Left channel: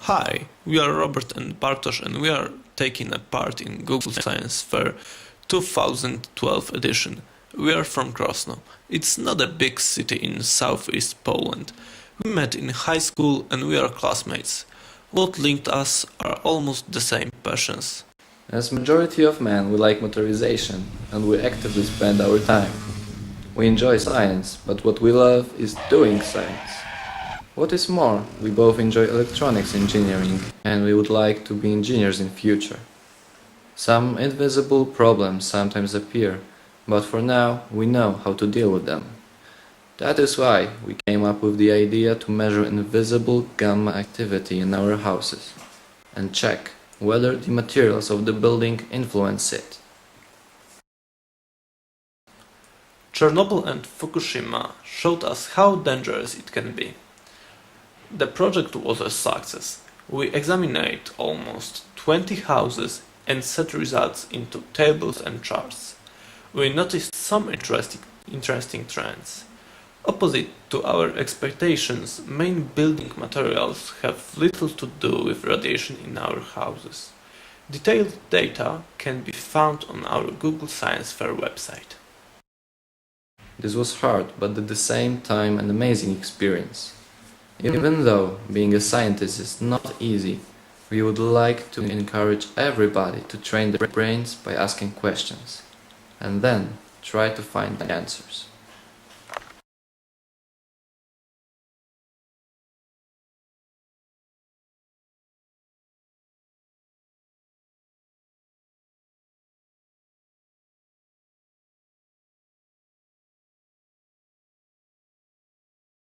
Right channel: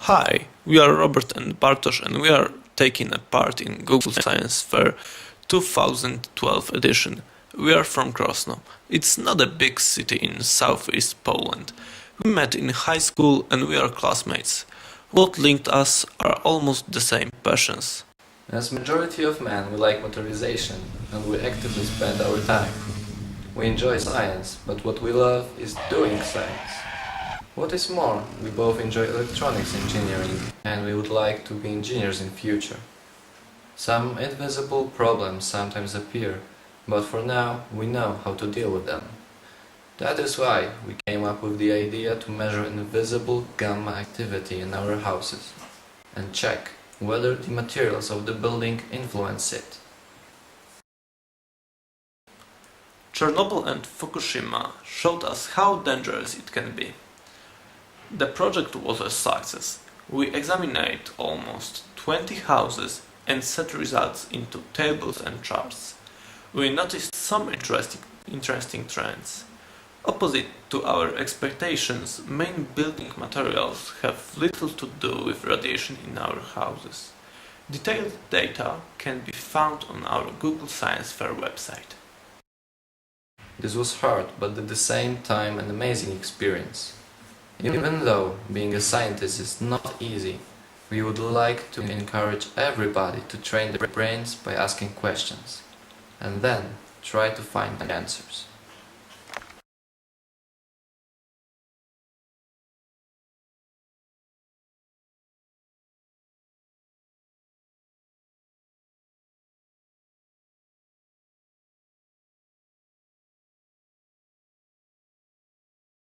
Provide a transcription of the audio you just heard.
Hi, we are Robert and Bartosz and we are taking a part in Google Science Fair 2012 edition. We are from Krosno. It's not a big city in southeast Poland. We met in high school and we are classmates. What linked us are almost the same passions. As majority of men, we like motorization, and we actively spend our time. We enjoy science, but what we love is doing science. What is more, we both enjoy electronics engineering, and we would like to be engineers in future. Some invisible problems sometimes appear, but for now, we know how to deal with them. That is why we came up with the idea to measure invisible gamma activity in our houses, and check whether the materials of the building influence it. Chernobyl and Fukushima showed us how dangerous it can be. The project was a success. We examined almost 20 houses and set results into tables and charts. We noticed some interesting trends. Opposite to our expectations, main building materials have little to do with radiation in our houses. Detailed data can be found on our Google Science Fair website. This was hard, but at the same time an amazing experience. Even though being a scientist is not easy, we would like to encourage everybody to train their brains by asking questions, and then try to find answers.